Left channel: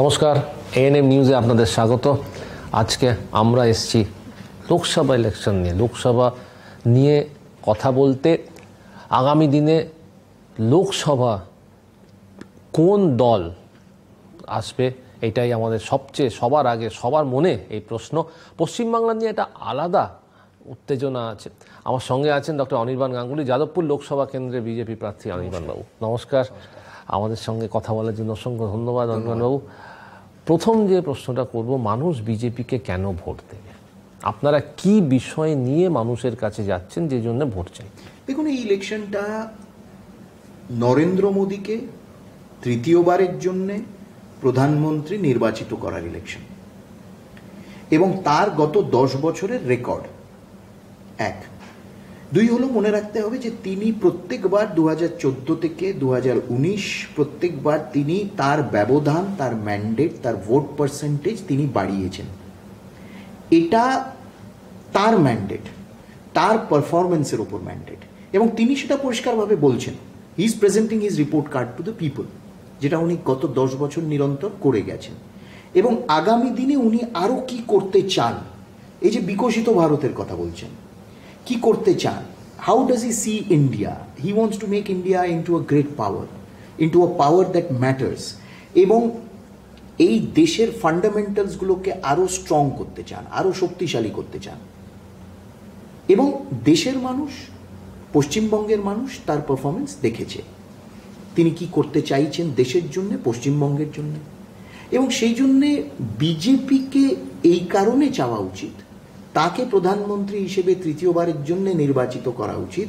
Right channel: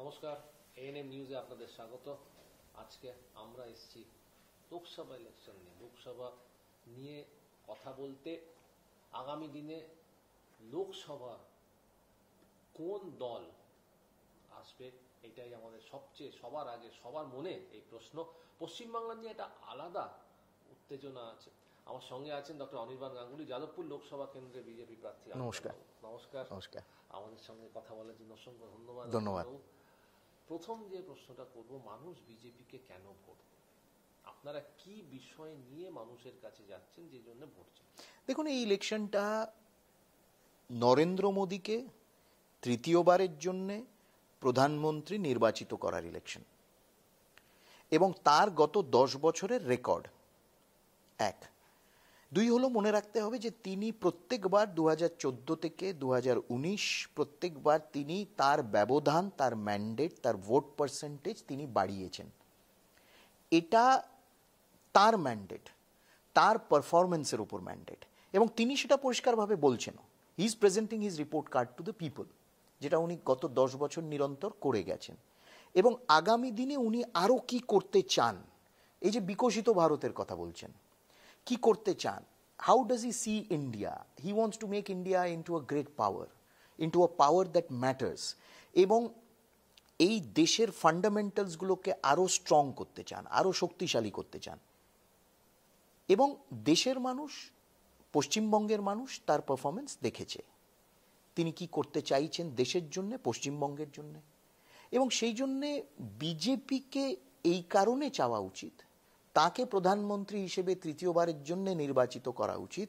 নমস্কার, এএনএম নিউজে আপনাদের স্বাগত। আজকে আমরা এসেছি লোকসভা ইলেকশন নিয়ে, লোকসভা নিয়ে কথা বলতে। আগামী দিনে লোকসভা কোন দল আসবে এটাই আমাদের সবার আগে সবার মনে এই প্রশ্ন। পশ্চিমবাংলা নিয়ে একটা আলাদা উত্তেজনা আছে। আমার সঙ্গে আছেন ডক্টর অনির্বাণ গাঙ্গুলি, যাদবপুর লোকসভা কেন্দ্রে বিজেপি প্রার্থী। অনির্বাণবাবু নমস্কার। আমাদের সঙ্গে কথা বলার জন্য অসংখ্য ধন্যবাদ অনির্বাণবাবু। প্রথম যে প্রশ্নটা করব, মানুষ বিজেপিকে কেন ভোট দেবে? আপনারা কি বিষয় নিয়ে মানুষের কাছে যাচ্ছেন যে জন্য ভোট চাই? দেখুন, এই ইলেকশনটা নরেন্দ্র মোদীকে তৃতীয়বারের জন্য প্রধানমন্ত্রী নির্বাচিত করার ইলেকশন এবং তার গত 10 বছরের রেকর্ড। এক, দুই হলো মনে রাখতে হবে যে তিনি প্রত্যেকবার 2014 থেকে 2019 প্রত্যেকবার তিনি তার ব্যবধান, তার ম্যান্ডেট, তার ভোট পার্সেন্টেজ তিনি বাড়িয়েছেন। এটা তার ম্যান্ডেট, তার পারফরমেন্সের উপর ম্যান্ডেট, এবং তিনি সেটা পরিষ্কারভাবে বলছেন। He is presenting his report card to the people, যেটা উনি গত 10 বছর নিরন্তর করে গেছেন। এবং আগামী দিনে উনি আরও কি করতে চান, এই যে বিকশিত ভারতের কথা বলছেন, কি করতে চান, how does he she India? He wants to make India into a great power, into a power that matters, এবং এই দেশের ফান্ডামেন্টালসগুলোকে আরও স্ট্রং করতে চান, আরও শক্তিশালী করতে চান। এবং দেশের মানুষ, পশ্চিমবঙ্গের মানুষ তার পারফরমেন্স দেখেছে। তিনি কি করতে চাইছেন দেশের জন্য, পশ্চিমবঙ্গের জন্য। এবং সেই জন্যে বিজেপিকে এই কারণে চাওয়া উচিত, তাকে প্রধানমন্ত্রী হিসেবে তৃতীয়বারের জন্য নির্বাচিত করা উচিত।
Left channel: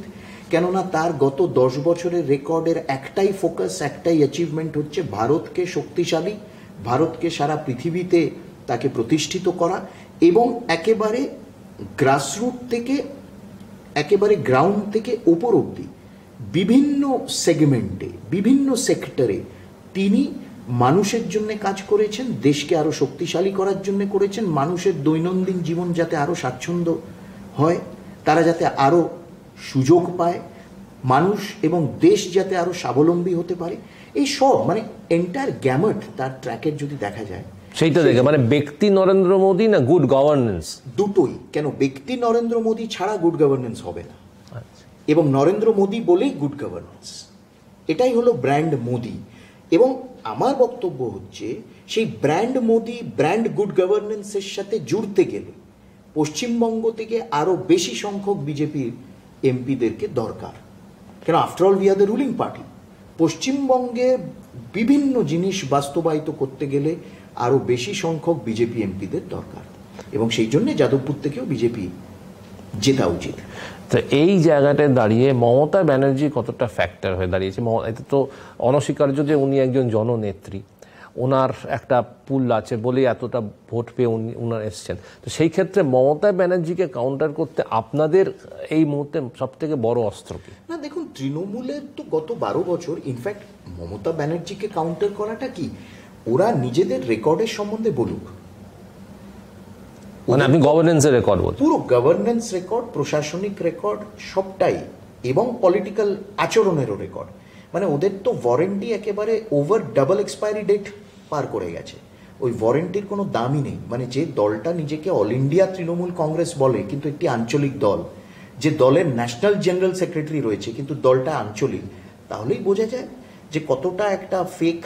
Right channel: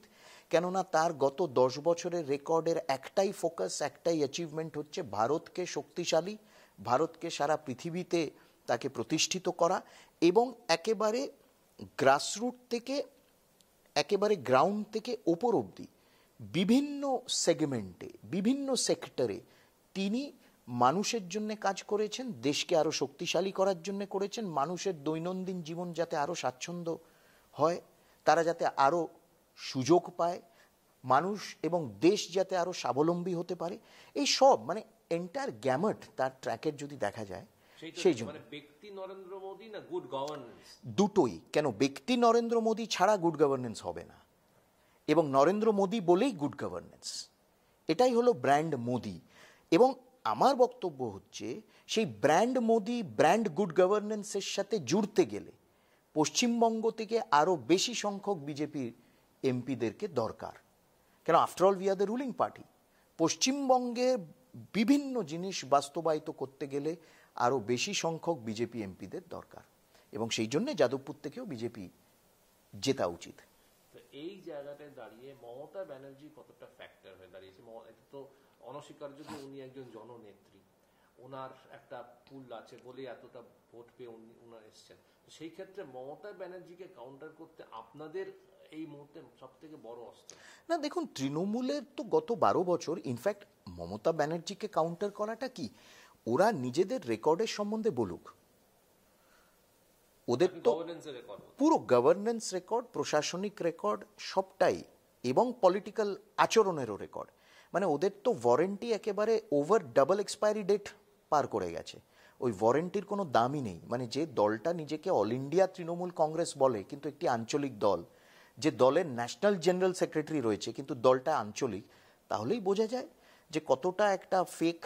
কেননা তার গত 10 বছরের রেকর্ডের একটাই ফোকাস, একটাই অ্যাচিভমেন্ট হচ্ছে ভারতকে শক্তিশালী, ভারতকে সারা পৃথিবীতে তাকে প্রতিষ্ঠিত করা, এবং একেবারে গ্রাসরুট থেকে, একেবারে গ্রাউন্ড থেকে ওপর অবধি বিভিন্ন সেগমেন্টে, বিভিন্ন সেক্টরে তিনি মানুষের জন্য কাজ করেছেন, দেশকে আরও শক্তিশালী করার জন্য করেছেন। মানুষের দৈনন্দিন জীবন যাতে আরও স্বাচ্ছন্দ্য হয়, তারা যাতে আরও সুযোগ পায়, মানুষ এবং দেশ যাতে আরও স্বাবলম্বী হতে পারে, এই সব মানে এন্টায়ার গ্যামট তার ট্র্যাকের যদি দেখা যায়, সেইটা দেখে মানে ব্যক্তি নরেন্দ্র মোদী না গুড গভর্নেন্স? দুটোই। কেন, ব্যক্তি নরেন্দ্র মোদী ছাড়া গুড গভর্নেন্স হবে না, এবং নরেন্দ্র মোদী বলেই গুড গভর্নেন্স। এটাই হলো ব্র্যান্ড মোদী। এবং আমার বক্তব্য হচ্ছে, সেই ব্র্যান্ড মোদী, ব্র্যান্ড গুড গভর্নেন্সের সাথে জুড়তে গেলে পশ্চিমবঙ্গ থেকে আরও বেশি সংখ্যক বিজেপির এমপিদেরকে দরকার। কেন, after all we are the ruling party. পশ্চিমবঙ্গে বিভিন্ন জিনিস বাস্তবায়িত করতে গেলে আরও বেশি সংখ্যক বিজেপি এমপিদের দরকার, এবং সেই জন্যে যাদবপুর থেকেও বিজেপি জেতা উচিত। তো এই জায়গাটায় দাঁড়িয়ে মমতা ব্যানার্জি কতটা ফ্যাক্টর হয়ে দাঁড়িয়েছে? এটা তো অনস্বীকার্য যে উনি একজন জননেত্রী, ওনার একটা পুল আছে বলেই এতটা ভোট পেয়ে উনার এসছেন। তো সেই ক্ষেত্রে মমতা ব্যানার্জিকে কাউন্টার করতে আপনাদের এই মুহূর্তে সব থেকে বড় অস্ত্র কি? না দেখুন, তৃণমূলের তো গত 12 বছর, ইনফ্যাক্ট মমতা ব্যানার্জিকে কাউন্টার করাটা কি, ওরা নিজেদের রেকর্ডের সম্বন্ধে বলুক। মানে আপনি গভর্নেন্সের রেকর্ড বলছেন? পুরো গভর্নেন্স রেকর্ড, প্রশাসনিক রেকর্ড সবটাই, এবং পলিটিক্যাল আচরণেরও রেকর্ড। মানে ওদের তো ওয়ারেন্টি একেবারে ওভার ডাবল এক্সপায়ারি ডেট পার করে গেছে। ওই ওয়ারেন্টির কোনো দামই নেই। মানে যে দলটা নিজেকে অল ইন্ডিয়া তৃণমূল কংগ্রেস বলে কিন্তু একটি আঞ্চলিক দল, যে দলের ন্যাশনাল জেনারেল সেক্রেটারি রয়েছে কিন্তু দলটা আঞ্চলিক, তাহলেই বোঝা যায় যে কতটা একটা ফেক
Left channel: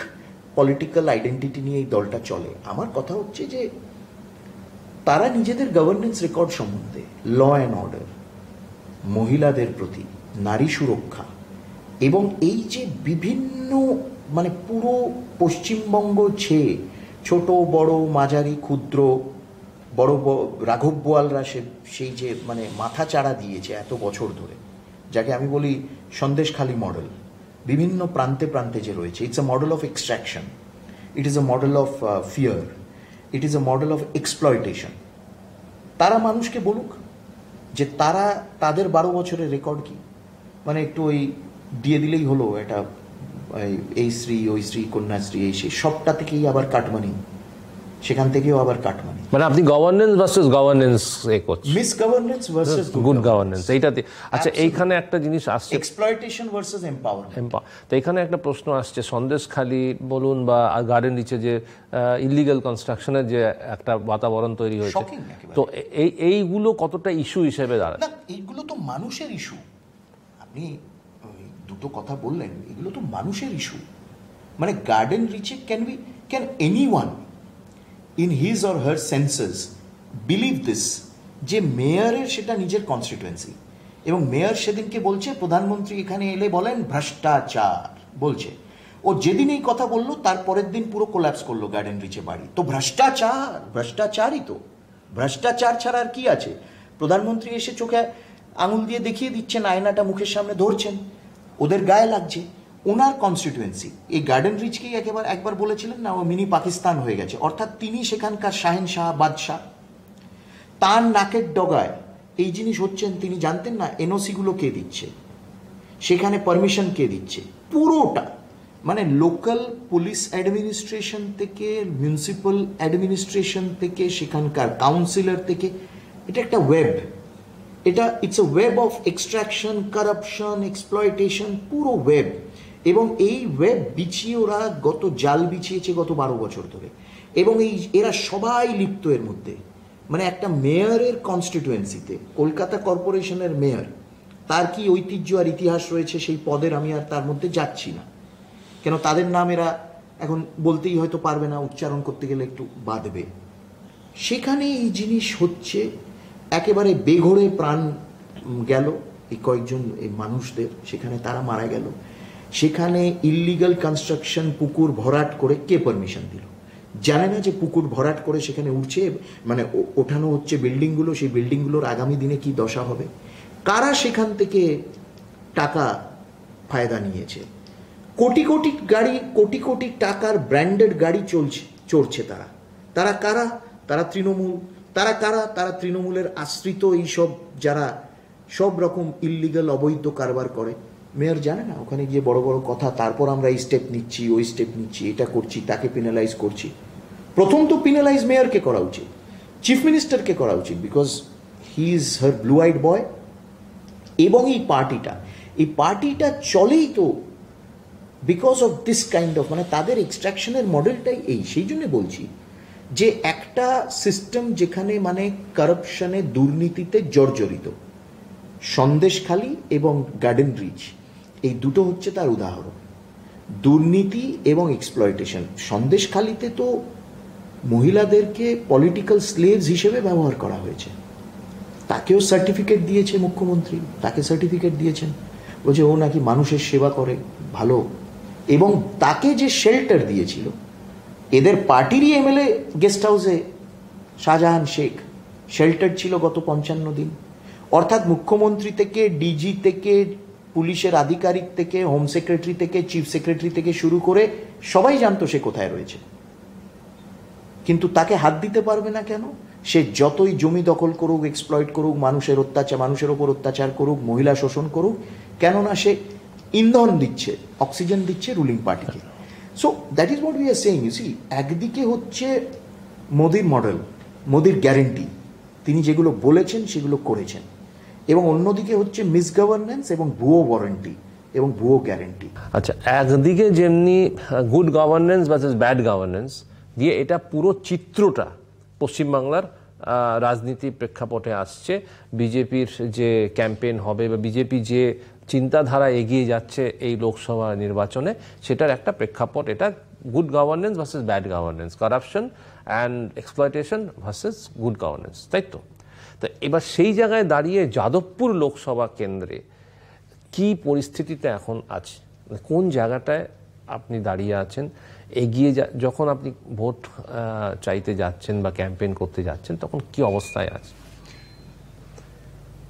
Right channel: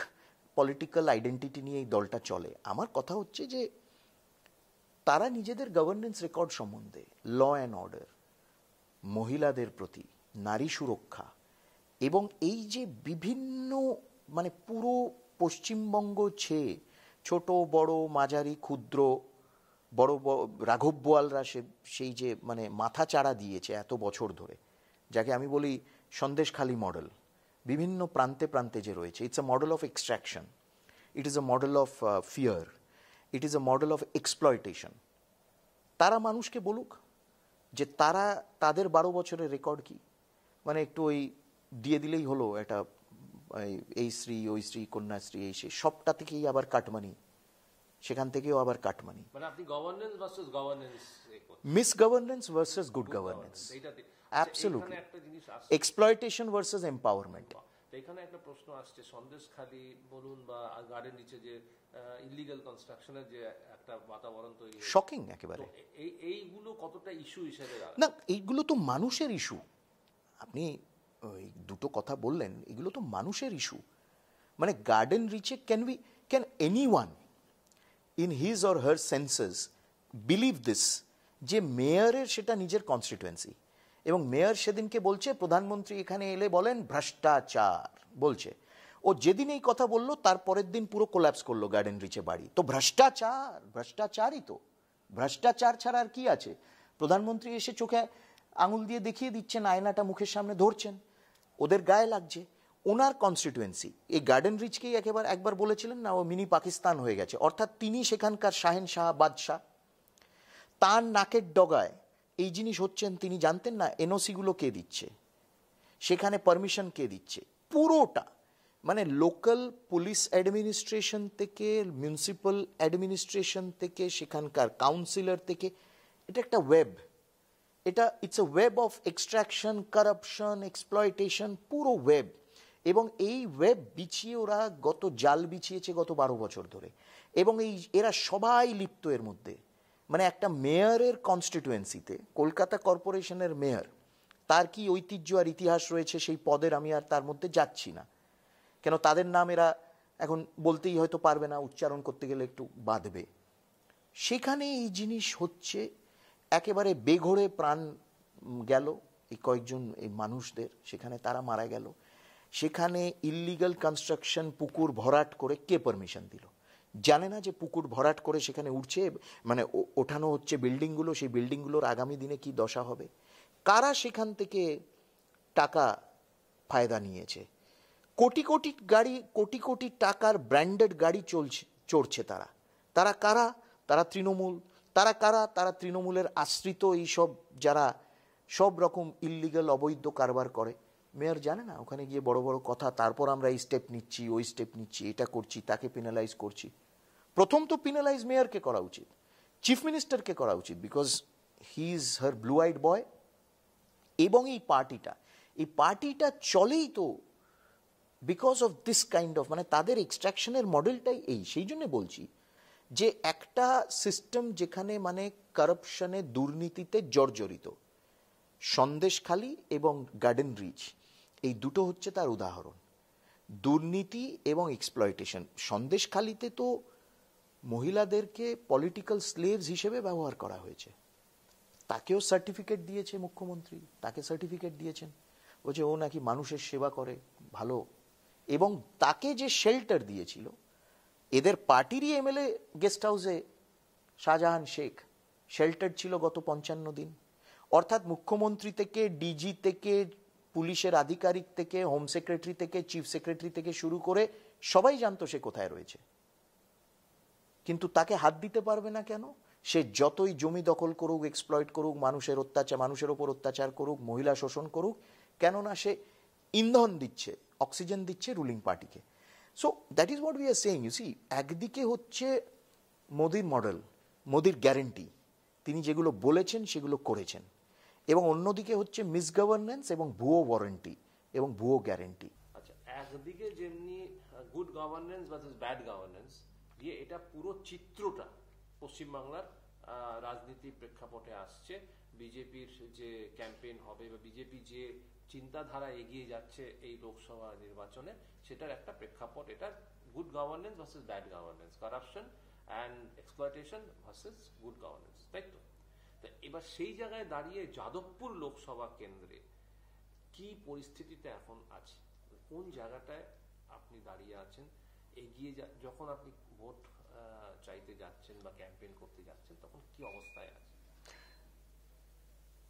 পলিটিক্যাল আইডেন্টিটি নিয়ে এই দলটা চলে। আমার কথা হচ্ছে যে তারা নিজেদের গভর্নেন্স রেকর্ড সম্বন্ধে, ল অ্যান্ড অর্ডার, মহিলাদের প্রতি, নারী সুরক্ষা, এবং এই যে বিভিন্ন মানে পুরো পশ্চিমবঙ্গ ছেয়ে ছোট বড় মাঝারি ক্ষুদ্র বড় রাঘব বোয়ালরা সেই যে মানে মাথা চাড়া দিয়েছে এত বছর ধরে, যাকে আমি বলি সন্দেশখালী মডেল, বিভিন্ন প্রান্তে প্রান্তে যে রয়েছে, it's a model of extraction, it is a model of fear, it is a model of exploitation. তারা মানুষকে বলুক যে তারা তাদের 12 বছরের রেকর্ড কি। মানে একটু ওই দিয়ে দিলেই হলো, এটা এই শ্রী, ওই শ্রী, কন্যাশ্রী, এই সেই সবটা থেকেই আবার কাটমানি, সেখান থেকেও আবার কাটমানি। মানে আপনি গভর্নেন্স ভার্সেস গভর্নেন্স করছেন, miss governance versus good governance, এইটাতে। আচ্ছা, এইখানে একটা জিনিস আসছে, এক্সপ্লয়টেশন ভার্সেস এম্পাওয়ারমেন্ট। তো এখানে একটা প্রশ্ন আসছে, সন্দেশখালি বলুন বা গার্ডেন রিচে যে ইলিগাল কনস্ট্রাকশনের যে একটা বাতাবরণ তৈরি হয়েছে, তো এইগুলো কতটা ইস্যু হিসেবে দাঁড়ায়? না, এইগুলো তো মানুষের ইস্যু। আপনি দুটো কথা বললেন, এগুলো তো মানুষের ইস্যু। মানে গার্ডেন রিচে can anyone in his or her senses believe this যে মেয়রের সেটা নিজের কনস্টিটুয়েন্সি, এবং মেয়র সেদিনকে বলছে প্রধানমন্ত্রী এখানে এলে বলেন ভ্রষ্টাচার বলছে। ও যেদিন এই কথা বললো তার পরের দিন পুরো কোল্যাপস করলো গার্ডেন রিচে বাড়ি। তো ভ্রষ্টাচারই তো, ভ্রষ্টাচার ছাড়া আর কি আছে? প্রধানমন্ত্রী এসে চোখে আঙুল দিয়ে দেখিয়ে দিচ্ছেন, আয়নাটা মুখের সামনে ধরছেন, ওদের গায়ে লাগছে। ওনার কনস্টিটুয়েন্সি এই গার্ডেন রিচকেই একবার বলেছিলেন না, ও মিনি পাকিস্তান হয়ে গেছে, অর্থাৎ তিনি সেখানকার শাহেনশাহ, বাদশাহ। তার নাকের ডগায় এই জিনিস হচ্ছেন, তিনি জানতেন না এনওসিগুলো কে দিচ্ছে, সেখানে পারমিশন কে দিচ্ছে, পুরোটা। মানে লোকাল পুলিশ অ্যাডমিনিস্ট্রেশন থেকে, মিউনিসিপ্যাল অ্যাডমিনিস্ট্রেশন থেকে, সেখানকার কাউন্সিলর থেকে, এটা একটা web. It's a web of extraction, corruption, exploitation, পুরো ওয়েব। এবং এই ওয়েব বিছিয়ে ওরা জাল বিছিয়েছে গত 12 বছর ধরে, এবং এরা সবাই লিপ্ত এর মধ্যে। মানে একটা মেয়রের কনস্টিটুয়েন্সিতে, কলকাতা কর্পোরেশনের মেয়র, তার কি ঐতিহ্য আর ইতিহাস রয়েছে সেই পদের, আমি আর তার মধ্যে যাচ্ছি না, কেন তাদের নাম এরা এখন বলতেই হয়তো পারবে না, উচ্চারণ করতে গেলে একটু বাধবে। সেখানে এই জিনিস হচ্ছে, একেবারে বেঘোরে প্রাণ গেল এই কয়েকজন এই মানুষদের, সেখানে তারা মারা গেল। সেখানে ইললিগাল কনস্ট্রাকশন, পুকুর ভরাট করে কে পারমিশন দিল? জানে না যে পুকুর ভরাট করে সেখানে উঠছে, মানে ওঠানো হচ্ছে বিল্ডিংগুলো, সেই বিল্ডিংগুলোর আগামী দিনে কি দশা হবে? কারা সেখান থেকে টাকা ফায়দা নিয়েছে? কোটি কোটি গাড়ি, কোটি কোটি টাকার ব্র্যান্ডেড গাড়ি চড়ছে তারা কারা? তারা তৃণমূল। তারা কারা? তারা তৃণমূলের আশ্রিত এইসব যারা সব রকম ইললিগাল অবৈধ কারবার করে। মেয়র জানে না, ওখানে গিয়ে বড় বড় কথা, তারপর আমরা এই স্টেপ নিচ্ছি, ওই স্টেপ নিচ্ছি, এটা করছি, তাকে পেনালাইজ করছি। প্রথম তো পেনালাইজ মেয়রকে করা উচিত, চিফ মিনিস্টারকে করা উচিত, because he is her blue I'd বয়। এবং এই পার্টিটা চলেই তো because of this kind of, মানে তাদের এক্সট্রাকশনের মডেলটাই এই। সেই জন্য বলছি যে একটা সিস্টেম যেখানে মানে কারাপশনে, দুর্নীতিতে জর্জরিত, সন্দেশখালি এবং গার্ডেন রিচ, এই দুটো হচ্ছে তার উদাহরণ। দুর্নীতি এবং এক্সপ্লয়টেশন। সন্দেশখালিতে তো মহিলাদেরকে পলিটিক্যাল স্লেভস হিসেবে ব্যবহার করা হয়েছে, তাকেও সার্টিফিকেট দিয়েছে মুখ্যমন্ত্রী, তাকে সার্টিফিকেট দিয়েছেন, বলছে ও নাকি মানুষের সেবা করে ভালো। এবং তাকে যে শেল্টার দিয়েছিল, এদের পার্টিরই এমএলএ গেস্ট হাউসে শাহজাহান শেখ শেল্টার ছিল গত 55 দিন। অর্থাৎ মুখ্যমন্ত্রী থেকে, ডিজি থেকে, পুলিশের আধিকারিক থেকে, হোম সেক্রেটারি থেকে, চিফ সেক্রেটারি থেকে শুরু করে সবাই জানতো সে কোথায় রয়েছে। কিন্তু তাকে হাত দিতে পারবে না কেন? সে যতই জমি দখল করুক, এক্সপ্লয়েট করুক, মানুষের ওপর অত্যাচার করুক, মহিলা শোষণ করুক, কেননা সে ইন্ধন দিচ্ছে, অক্সিজেন দিচ্ছে রুলিং পার্টিকে। So that is what we are saying. You see, একদিকে হচ্ছে মোদির মডেল, মোদির গ্যারেন্টি, তিনি যেগুলো বলেছেন সেগুলো করেছেন, এবং অন্যদিকে হচ্ছে মিসগভর্নেন্স এবং ভুয়ো ওয়ারেন্টি এবং ভুয়ো গ্যারেন্টি। আচ্ছা, একদিকে যেমনি good governance versus bad governance দিয়ে এটা পুরো চিত্রটা পশ্চিমবাংলার রাজনীতি প্রেক্ষাপটে আসছে, বিজেপির যে ক্যাম্পেইন হবে বা বিজেপি যে চিন্তাধারা এগিয়ে যাচ্ছে এই লোকসভা নির্বাচনে, সেটার একটা প্রেক্ষাপট এটা good governance versus bad governance, corruption and exploitation versus good governance, তাই তো? তো এবার সেই জায়গায় দাঁড়িয়ে যাদবপুর লোকসভা কেন্দ্রে কি পরিস্থিতিতে এখন আছে, কোন জায়গাটায় আপনি দাঁড়িয়ে আছেন? এগিয়ে যখন আপনি ভোট চাইতে যাচ্ছেন বা ক্যাম্পেইন করতে যাচ্ছেন, তখন কি অবস্থায় আছে?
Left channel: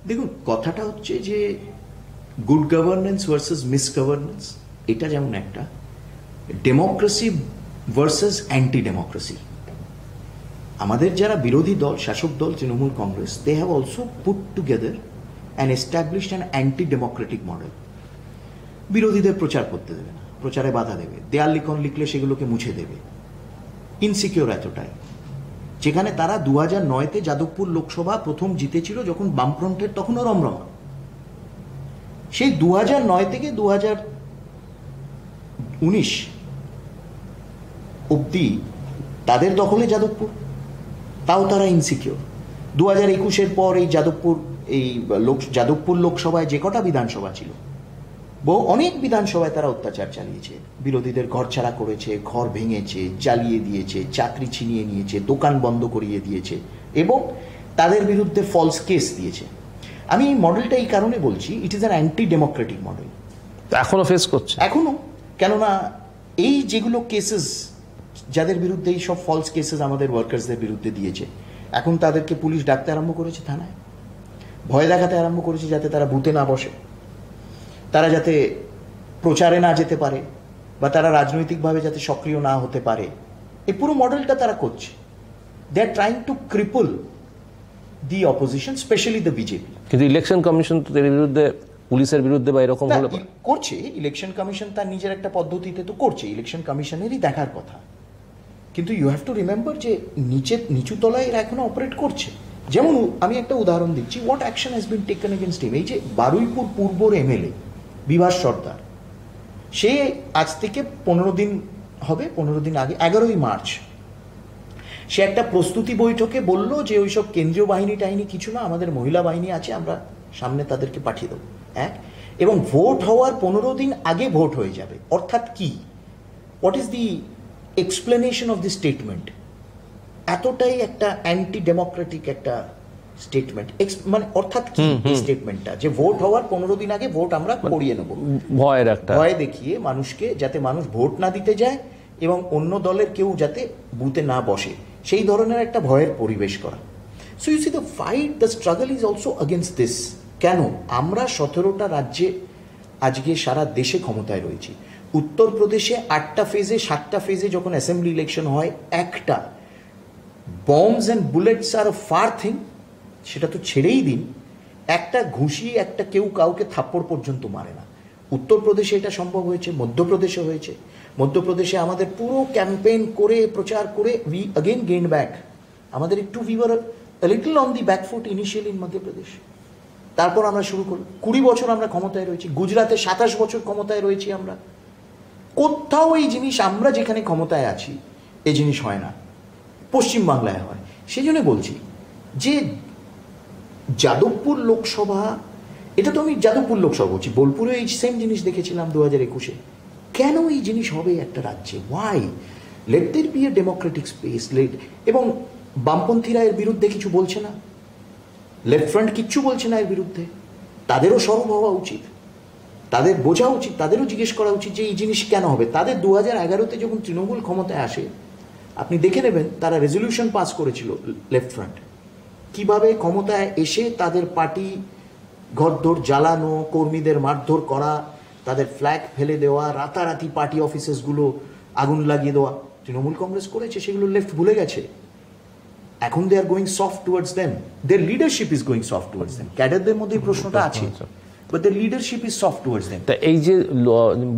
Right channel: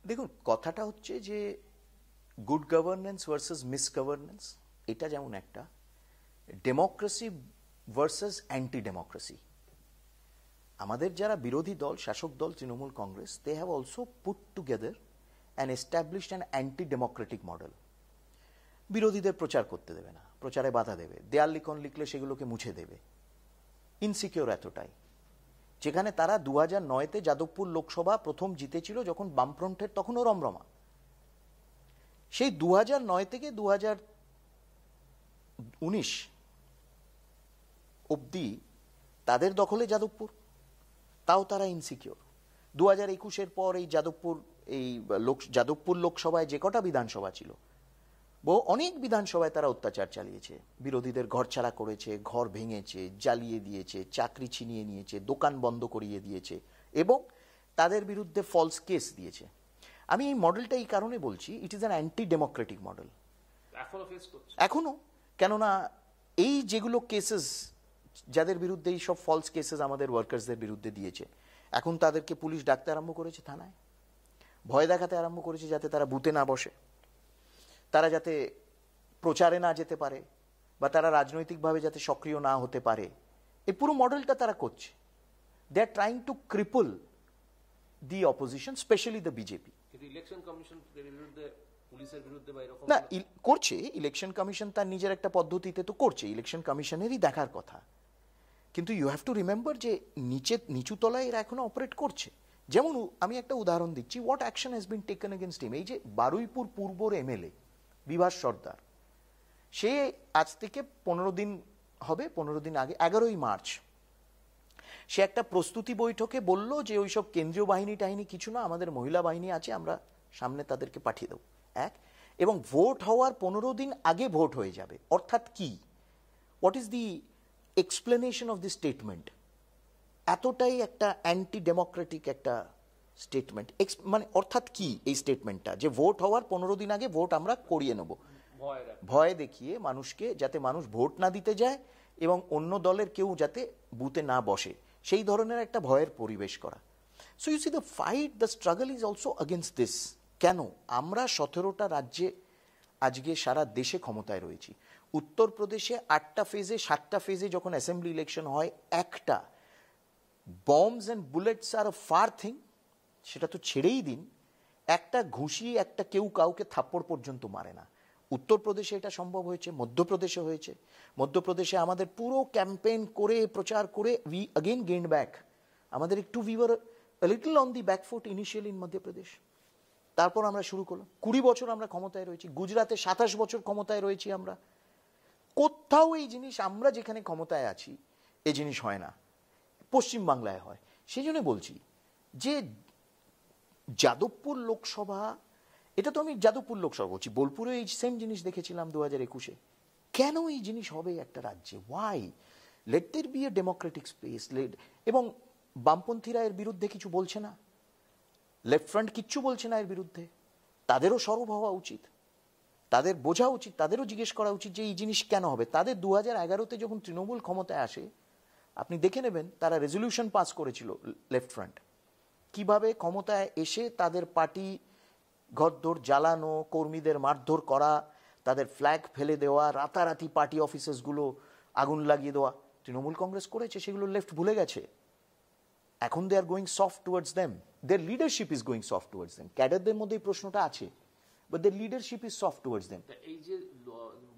দেখুন, কথাটা হচ্ছে যে গুড গভর্নেন্স ভার্সেস মিসগভর্নেন্স, এটা যেমন একটা ডেমোক্রেসি ভার্সেস অ্যান্টি ডেমোক্রেসি। আমাদের যারা বিরোধী দল, শাসক দল Trinamool Congress, they have also put together and established an anti democratic model. বিরোধীদের প্রচার করতে দেবে না, প্রচারে বাধা দেবে, দেয়াল লিখন লিখলে সেগুলোকে মুছে দেবে, ইনসিকিউর এতটাই। যেখানে তারা 2009-তে যাদবপুর লোকসভা প্রথম জিতেছিল, যখন বামফ্রন্টের তখনও রমরমা। সেই 2009 থেকে 2019 অব্দি তাদের দখলে যাদবপুর, তাও তারা ইনসিকিউর। 2021-এর পর এই যাদবপুর লোকসভায় যে কটা বিধানসভা ছিল, অনেক বিধানসভায় তারা অত্যাচার চালিয়েছে, বিরোধীদের ঘরছাড়া করেছে, ঘর ভেঙেছে, জ্বালিয়ে দিয়েছে, চাকরি ছিনিয়ে নিয়েছে, দোকান বন্ধ করিয়ে দিয়েছে এবং তাদের বিরুদ্ধে ফলস কেস দিয়েছে। আমি এই মডেলটা এই কারণে বলছি, it is an anti democratic model. এখনো ফেস করছে, এখনো। কেননা এই যেগুলো কেসেস, যাদের বিরুদ্ধে এই সব ফলস কেসেস আমাদের ওয়ার্কার্সদের বিরুদ্ধে দিয়েছে, এখন তাদেরকে পুলিশ ডাকতে আরম্ভ করেছে থানায়, ভয় দেখাতে আরম্ভ করেছে যাতে তারা বুথে না বসে, তারা যাতে প্রচারে না যেতে পারে, বা তারা রাজনৈতিকভাবে যাতে সক্রিয় না হতে পারে। এই পুরো মডেলটা তারা করছে। They are trying to cripple the opposition, specially the BJP. কিন্তু ইলেকশন কমিশন তো এর বিরুদ্ধে, পুলিশের বিরুদ্ধে বা এরকম হলে করছে। ইলেকশন কমিশন তার নিজের একটা পদ্ধতিতে তো করছে, ইলেকশন কমিশনেরই দেখার কথা। কিন্তু ইউ হ্যাভ টু রিমেম্বার যে নিচু তলায় এরা এখনো অপারেট করছে। যেমন আমি একটা উদাহরণ দিচ্ছি, what action has been taken against him. এই যে বারুইপুর পূর্বর এমএলএ বিভাস সর্দার, সে আজ থেকে 15 দিন হবে, 15 দিন আগে 11ই মার্চ সে একটা প্রস্তুতি বৈঠকে বলল যে ওইসব কেন্দ্রীয় বাহিনী টাহিনী কিছু না, আমাদের মহিলা বাহিনী আছে, আমরা সামনে তাদেরকে পাঠিয়ে দেবো। এবং ভোট হওয়ার 15 দিন আগে ভোট হয়ে যাবে। অর্থাৎ কি, what is the explanation of the statement? এতটাই একটা অ্যান্টি ডেমোক্রেটিক একটা স্টেটমেন্ট। মানে অর্থাৎ কি এই স্টেটমেন্টটা, যে ভোট হওয়ার 15 দিন আগে ভোট আমরা করিয়ে নেব, ভয়ের একটা ভয় দেখিয়ে মানুষকে, যাতে মানুষ ভোট না দিতে যায় এবং অন্য দলের কেউ যাতে বুথে না বসে, সেই ধরনের একটা ভয়ের পরিবেশ করা। So you see the fight, the struggle is also against this. কেন? আমরা 17টা রাজ্যে আজকে সারা দেশে ক্ষমতায় রয়েছি। উত্তরপ্রদেশে 8টা ফেজে, 7টা ফেজে যখন অ্যাসেম্বলি ইলেকশন হয়, একটা bombs and bullets are a far thing, সেটা তো ছেড়েই দিন, একটা ঘুষি, একটা কেউ কাউকে থাপ্পড় পর্যন্ত মারে না। উত্তরপ্রদেশে এটা সম্ভব হয়েছে, মধ্যপ্রদেশে হয়েছে। মধ্যপ্রদেশে আমাদের পুরো ক্যাম্পেইন করে, প্রচার করে, উই অগেন গেইন ব্যাক। আমাদের একটু we were a little on the back foot initially in Madhya Pradesh. তারপর আমরা শুরু করি, 20 বছর আমরা ক্ষমতায় রয়েছি। গুজরাটে 27 বছর ক্ষমতায় রয়েছি আমরা। কোথাও এই জিনিস, আমরা যেখানে ক্ষমতায় আছি এই জিনিস হয় না, পশ্চিমবাংলায় হয়। সেই জন্য বলছি যে যাদবপুর লোকসভা, এটা তো আমি যাদবপুর লোকসভা বলছি, বোলপুরে এই সেম জিনিস দেখেছিলাম 2021-এ। কেন এই জিনিস হবে একটা রাজ্যে? Why? Let there be a democratic space. এবং বামপন্থীরা এর বিরুদ্ধে কিছু বলছে না, লেফট ফ্রন্ট কিচ্ছু বলছে না এর বিরুদ্ধে। তাদেরও সরব হওয়া উচিত, তাদের বোঝা উচিত, তাদেরও জিজ্ঞেস করা উচিত যে এই জিনিস কেন হবে। তাদের 2011-তে যখন তৃণমূল ক্ষমতায় আসে, আপনি দেখে নেবেন তারা রেজলিউশন পাস করেছিল লেফট ফ্রন্ট, কিভাবে ক্ষমতায় এসে তাদের পার্টি ঘরদোর জ্বালানো, কর্মীদের মারধর করা, তাদের ফ্ল্যাগ ফেলে দেওয়া, রাতারাতি পার্টি অফিসেসগুলো আগুন লাগিয়ে দেওয়া তৃণমূল কংগ্রেস করেছে। সেগুলো লেফট ভুলে গেছে। এখন they are going soft towards them, their leadership is going soft towards them. ক্যাডারদের মধ্যে এই প্রশ্নটা আছে, but their leadership is soft towards them. তা এই যে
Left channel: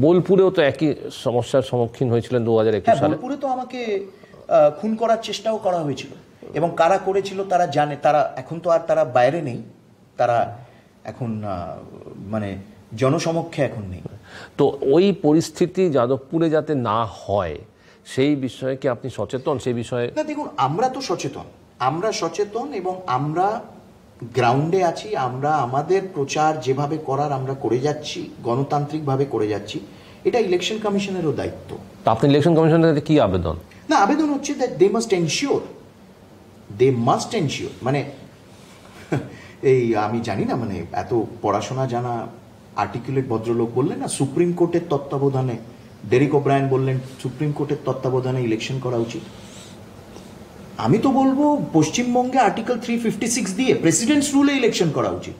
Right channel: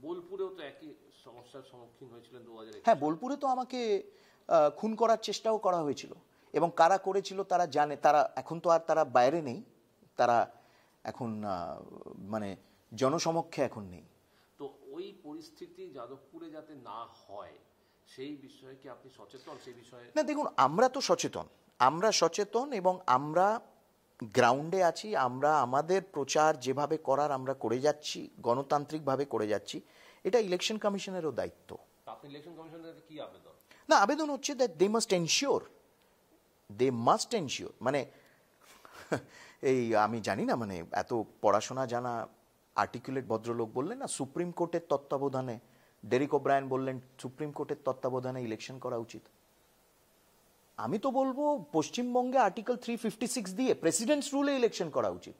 বোলপুরেও তো একই সমস্যার সম্মুখীন হয়েছিলেন 2021 সালে। বোলপুরে তো আমাকে খুন করার চেষ্টাও করা হয়েছিল, এবং কারা করেছিল তারা জানে। তারা এখন তো আর তারা বাইরে নেই, তারা এখন মানে জনসমক্ষে এখন নেই। তো ওই পরিস্থিতি যাদবপুরে যাতে না হয় সেই বিষয়ে কি আপনি সচেতন? সেই বিষয়ে না, দেখুন, আমরা তো সচেতন, আমরা সচেতন এবং আমরা গ্রাউন্ডে আছি। আমরা আমাদের প্রচার যেভাবে করার আমরা করে যাচ্ছি, গণতান্ত্রিকভাবে করে যাচ্ছি। এটা ইলেকশন কমিশনেরও দায়িত্ব। তো আপনি ইলেকশন কমিশনের কাছে কি আবেদন? না, আবেদন হচ্ছে দ্যাট দে মাস্ট এনশিওর, মানে এই আমি জানি না, মানে এত পড়াশোনা জানা আর্টিকুলেট ভদ্রলোক বললেন না, সুপ্রিম কোর্টের তত্ত্বাবধানে, ডেরিক ওব্রায়ান বললেন সুপ্রিম কোর্টের তত্ত্বাবধানে ইলেকশন করা উচিত। আমি তো বলবো পশ্চিমবঙ্গে আর্টিকেল 356 দিয়ে প্রেসিডেন্টস রুলে ইলেকশন করা উচিত।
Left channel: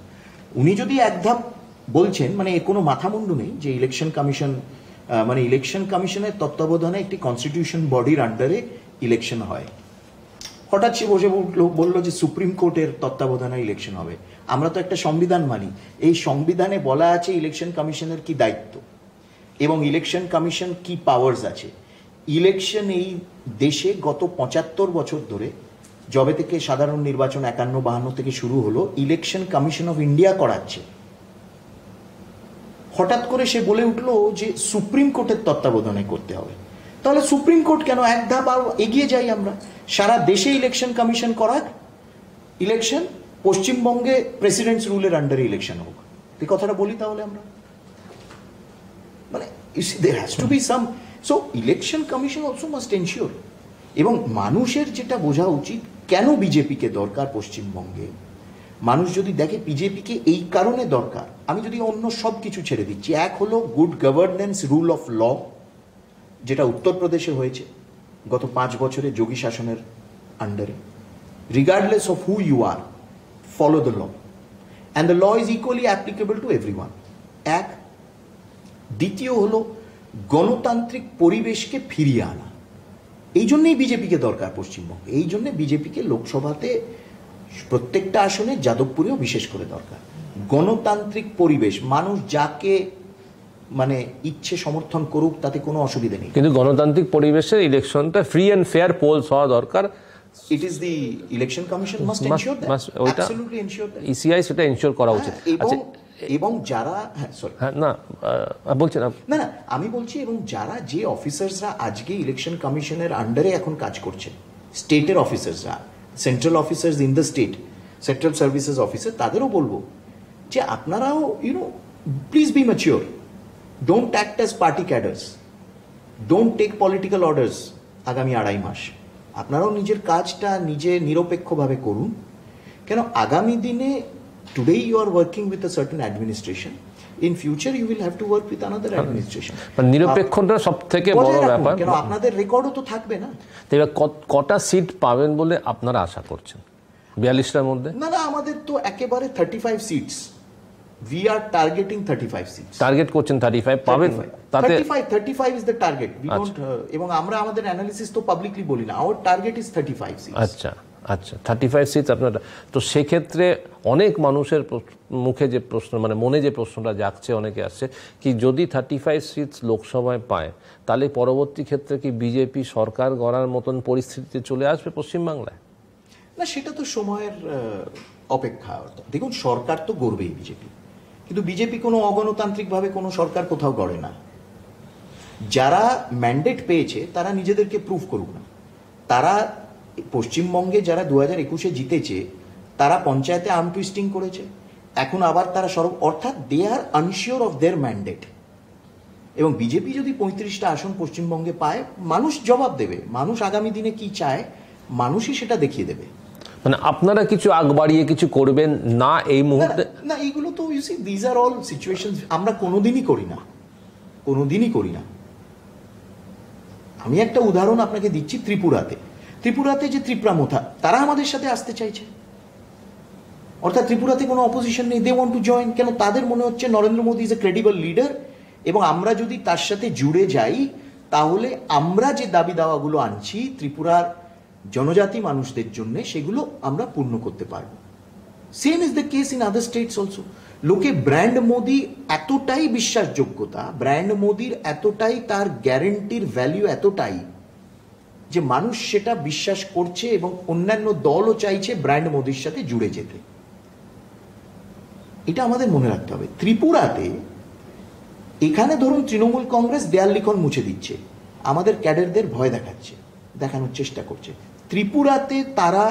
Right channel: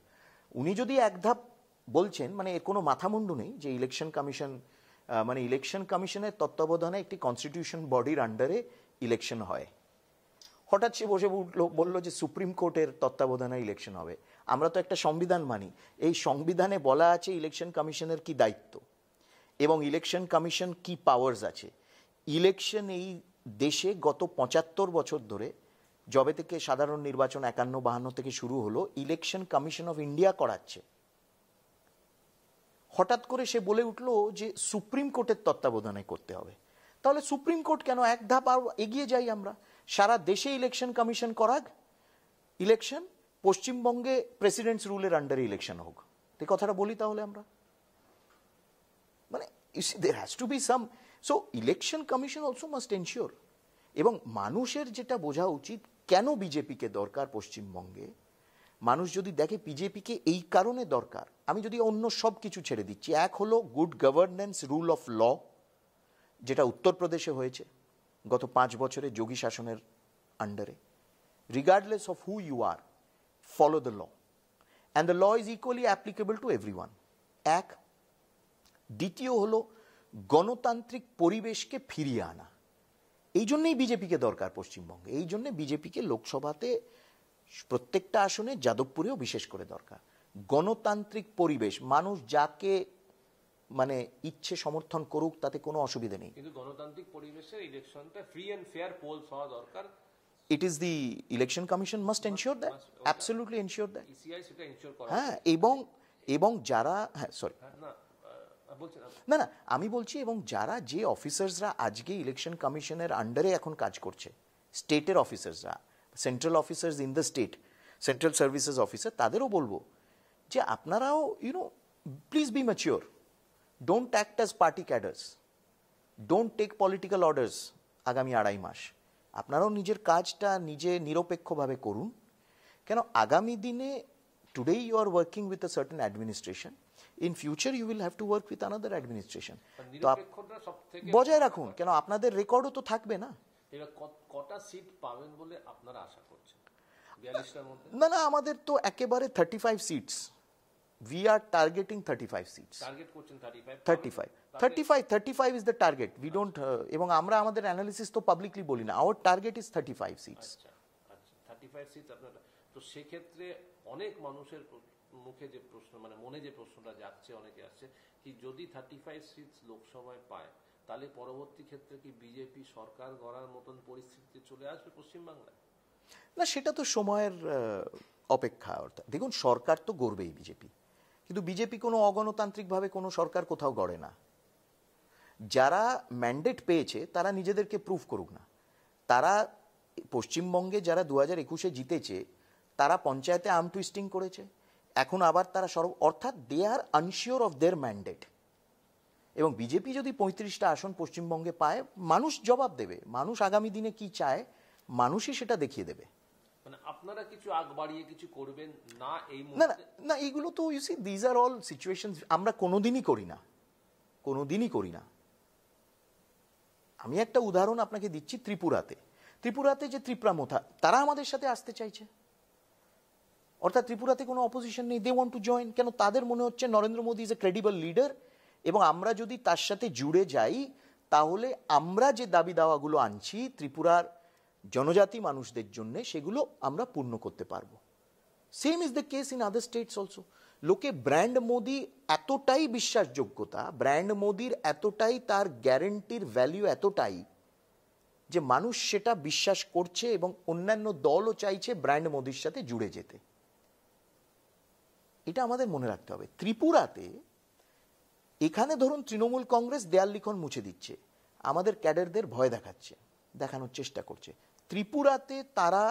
উনি যদি এক ধাপ বলছেন, মানে এর কোনো মাথামুন্ডু নেই যে ইলেকশন কমিশন, মানে ইলেকশন কমিশনের তত্ত্বাবধানে একটি কনস্টিটিউশন বডির আন্ডারে ইলেকশন হয়। হঠাৎ সে বসে বললো যে সুপ্রিম কোর্টের তত্ত্বাবধানে ইলেকশন হবে। আমরা তো একটা সংবিধান মানি, এই সংবিধানে বলা আছে ইলেকশন কমিশনের কি দায়িত্ব এবং ইলেকশন কমিশন কি পাওয়ার্স আছে। ইলেকশন এই দেশে গত 75 বছর ধরে যবে থেকে সাধারণ নির্বাচন 51-52 থেকে শুরু হলো, ইলেকশন কমিশন অফ ইন্ডিয়া করাচ্ছে। হঠাৎ করে সে বলে উঠলো যে সুপ্রিম কোর্টের তত্ত্বাবধানে করতে হবে। তাহলে সুপ্রিম কোর্ট কেন? এক ধাপ আরো এগিয়ে যাই আমরা, সারা দেশে ইলেকশন কমিশন করাক, ইলেকশন পশ্চিমবঙ্গে প্রেসিডেন্টস রুলের আন্ডারে ইলেকশন হোক। এই কথাটা বলি তাহলে আমরা, মানে there has to be some, so election commission also must ensure। এবং মানুষের যেটা বোঝা উচিত, কেন বিজেপিকে দরকার পশ্চিমবঙ্গে, মানুষ যদি দেখে বিজেপিকে এই কারণে দরকার, আমি যদি অন্য সব কিছু ছেড়ে দিচ্ছি, এক হলো good governance, rule of law, যেটা উত্তরপ্রদেশে হয়েছে গত 5 বছরে যোগী শাসনের আন্ডারে, regardless of who you are, follow the law and the law is equally applicable to everyone. এক। দ্বিতীয় হলো গণতান্ত্রিক পরিবেশকে ফিরিয়ে আনা। এই জন্যই বিজেপিকে দরকার পশ্চিমবঙ্গে, এই জন্য বিজেপিকে লোকসভাতে প্রত্যেকটা আসনে, যাদবপুরেও বিশেষ করে দরকার। গণতান্ত্রিক পরিবেশ, মানুষ যাকে মানে ইচ্ছে সমর্থন করুক, তাতে কোনো অসুবিধা নেই, কিন্তু গণতান্ত্রিক পরিবেশে ইলেকশনটা ফ্রি অ্যান্ড ফেয়ার পোলস হওয়া দরকার। It is the election commission must ensure that, absolutely ensure that. ECI সেটা এনশিওর করা উচিত। এবং যারা, সরি, না বলছেন না না, আমি বলছি, এবং যারা, যে অফিসার্সরা আজকে ইলেকশন কমিশনের আন্ডারে এখন কাজ করছে, স্টেটের অফিসার্সরা, central officers in the state, central services officer, তাদেরও বলবো যে আপনারাও please be mature, don't act as party cadres, don't take political orders. আগামী 2.5 মাস আপনারাও নিজের কাজটা নিজে নিরপেক্ষভাবে করুন। কেন আগামী দিনে, today you are working with a certain administration, in future you will have to work with another administration। নিরপেক্ষতা সবথেকে বড় ব্যাপার, কেন আপনাদের রেকর্ডও তো থাকবে না। এবার কটা সিট পাবেন বলে আপনারা আশা করছেন 42টার মধ্যে? না না, আমাদের তো একেবারে 35 seats, we are targeting 35 seats. Target করছেন 35 পাবেন? তাতে 35 is the target, we don't, এবং আমরা আমাদের অ্যানালিসিস তো পাবলিকলি বলি না, our target is 35 সিটস। আচ্ছা আচ্ছা, 35 সিটস আপনারা। তো সেক্ষেত্রে অনেক মানুষের মুখে যে প্রশ্ন, মানে মনে যে প্রশ্নটা জাগছে, অনেকে আসছে কি, যদি 35 সিটস লোকসভায় পায়, তাহলে পরবর্তী ক্ষেত্রে কি বিজেপি সরকার গড়ার মতন পরিস্থিতিতে চলে আসবে পশ্চিমবাংলায়? না, সেটা তো সময়ের অপেক্ষা। দেখুন, সরকার তো গড়বেই বিজেপি, কিন্তু বিজেপি কোনো অগণতান্ত্রিকভাবে কোনো সরকার কোথাও গড়ে না। যারা ম্যান্ডেট পেয়েছে তারা নিজেদেরকে প্রুভ করুক না। তারা পশ্চিমবঙ্গে যারা 2021-এ জিতেছে, তারা পঞ্চায়েতে আর্ম টুইস্টিং করেছে, এখন আবার তারা অর্থাৎ দে আর আনশিওর অফ দেয়ার ম্যান্ডেট। এবং বিজেপি যদি 35টা আসন পশ্চিমবঙ্গে পায়, মানুষ জবাব দেবে। মানুষ আগামী দিনে কি চায়, মানুষই সেটা দেখিয়ে দেবে। মানে আপনারা কিছু আগ বাড়িয়ে কিছু করবেন না এই মুহূর্তে? না, এইগুলো তো you see, these are all situations আমরা কোনোদিনই করি না, কোনোদিনই করি না। আমি একটা উদাহরণ আপনাকে দিচ্ছি। ত্রিপুরাতে যে ত্রিপুরামথা, তারা আমাদের সাথে আসতে চাইছে, অর্থাৎ ত্রিপুরাতে কোনো অপোজিশন নেই, দে ওয়ান্ট টু জয়েন। কেন? তাদের মনে হচ্ছে Narendra Modi is a credible leader, এবং আমরা যদি তার সাথে জুড়ে যাই, তাহলে আমরা যে দাবি দাওয়াগুলো আনছি ত্রিপুরার জনজাতি মানুষদের জন্য, সেগুলো আমরা পূর্ণ করতে পারবো। Same is the case in other states also. লোকে ব্র্যান্ড মোদি এতটাই বিশ্বাসযোগ্যতা, ব্র্যান্ড মোদির এতটাই, তার গ্যারেন্টির ভ্যালু এতটাই, যে মানুষ সেটা বিশ্বাস করছে, এবং অন্যান্য দলও চাইছে ব্র্যান্ড মোদির সাথে জুড়ে যেতে। এটা আমাদের মনে রাখতে হবে। ত্রিপুরাতে, এখানে ধরুন তৃণমূল কংগ্রেস দেয়াল লিখন মুছে দিচ্ছে, আমাদের ক্যাডারদের ভয় দেখানোর চেষ্টা করছে। ত্রিপুরাতে তারা,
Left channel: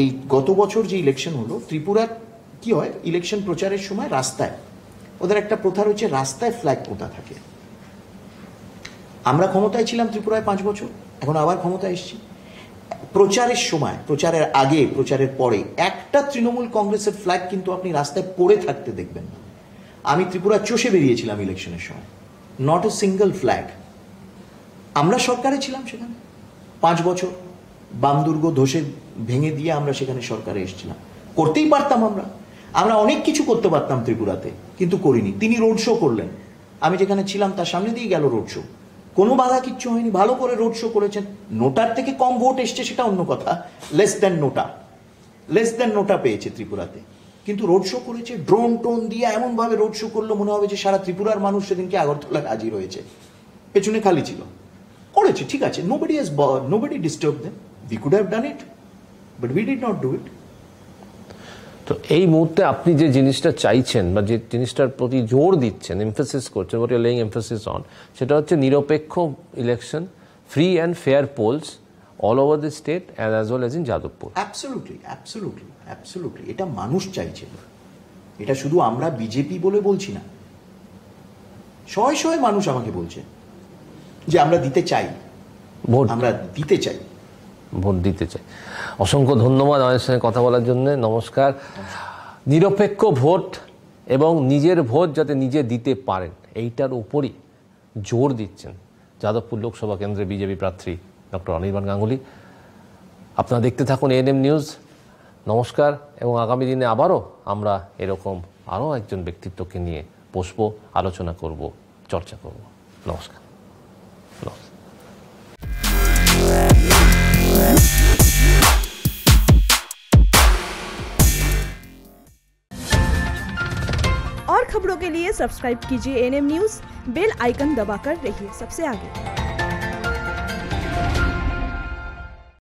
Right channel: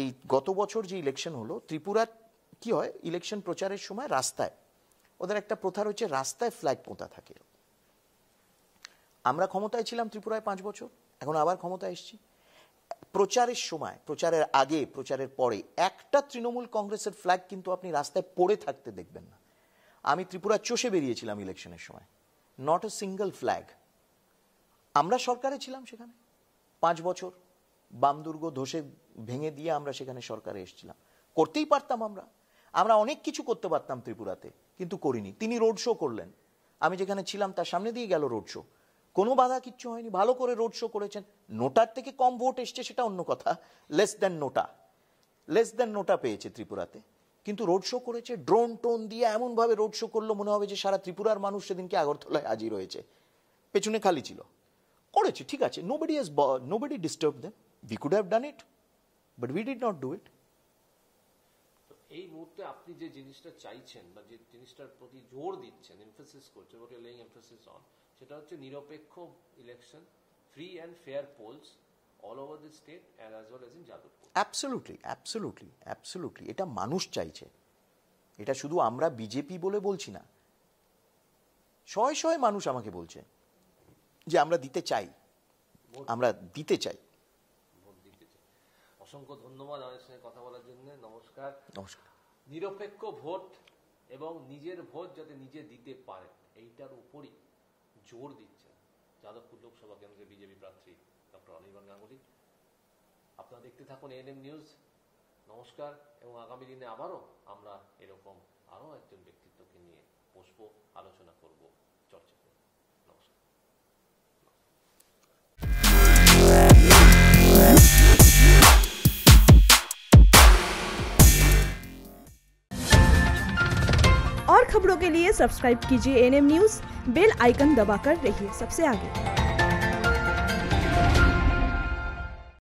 এই গত বছর যে ইলেকশন হলো, ত্রিপুরার কি হয়, ইলেকশন প্রচারের সময় রাস্তায়, ওদের একটা প্রথা রয়েছে, রাস্তায় ফ্ল্যাগ পোতা থাকে। আমরা ক্ষমতায় ছিলাম ত্রিপুরায় 5 বছর, এখন আবার ক্ষমতায় এসেছি। প্রচারের সময়, প্রচারের আগে, প্রচারের পরে একটা তৃণমূল কংগ্রেসের ফ্ল্যাগ কিন্তু আপনি রাস্তায় পড়ে থাকতে দেখবেন না। আমি ত্রিপুরা চষে বেরিয়েছিলাম ইলেকশনের সময়, নট এ সিঙ্গেল ফ্ল্যাগ। আমরা সরকারে ছিলাম সেখানে 5 বছর, বাম দুর্গ ধসে ভেঙে দিয়ে আমরা সেখানে সরকারে এসেছিলাম। করতেই পারতাম, আমরা অনেক কিছু করতে পারতাম ত্রিপুরাতে, কিন্তু করিনি। তিনি রোড শো করলেন, আমি যেখানে ছিলাম তার সামনে দিয়ে গেল রোড শো, কোনো বাধা কিচ্ছু হয়নি, ভালো করে রোড শো করেছেন। নোটার থেকে কম ভোট এসছে সেটা অন্য কথা, লেস দেন নোটা পেয়েছে ত্রিপুরাতে, কিন্তু রোড শো করেছে, ড্রোন টোন দিয়ে এমন ভাবে রোড শো করলো, মনে হবে যে সারা ত্রিপুরার মানুষ সেদিনকে আগরতলায় হাজির হয়েছে, পেছনে খালি ছিল। করেছে, ঠিক আছে, nobody disturb them, we could have done it, But we did not do it. তো এই মুহূর্তে আপনি যে জিনিসটা চাইছেন বা যে জিনিসটার প্রতি জোর দিচ্ছেন, এমফেসিস করছেন, what you laying emphasis on, সেটা হচ্ছে নিরপেক্ষ election, free and fair polls all over the state as well as in Jadavpur. Absolutely এটা মানুষ চাইছে। এটা শুধু আমরা বিজেপি বলে বলছি না, শয়ে শয়ে মানুষ আমাকে বলছে যে আমরা দিতে চাই, ভোট ভোট দিতে চাই। অসংখ্য ধন্যবাদ আমাদের সঙ্গে কথা বলার জন্য। নমস্কার। নিরপেক্ষ ভোট এবং নিজের ভোট যাতে নিজে দিতে পারেন, এইটার উপরই জোর দিচ্ছেন যাদবপুর লোকসভা কেন্দ্রের বিজেপি প্রার্থী ডক্টর অনির্বাণ গাঙ্গুলি। আপনারা দেখতে থাকুন এএনএম নিউজ। নমস্কার, এবং আগামী দিনে আবারও আমরা এরকম আরও একজন ব্যক্তিত্বকে নিয়ে বসবো, আলোচনা করব, চর্চা করব। নমস্কার। और खबरों के लिए सब्सक्राइब कीजिए एएनएम न्यूज़, बेल आइकन दबाकर रहिए सबसे आगे।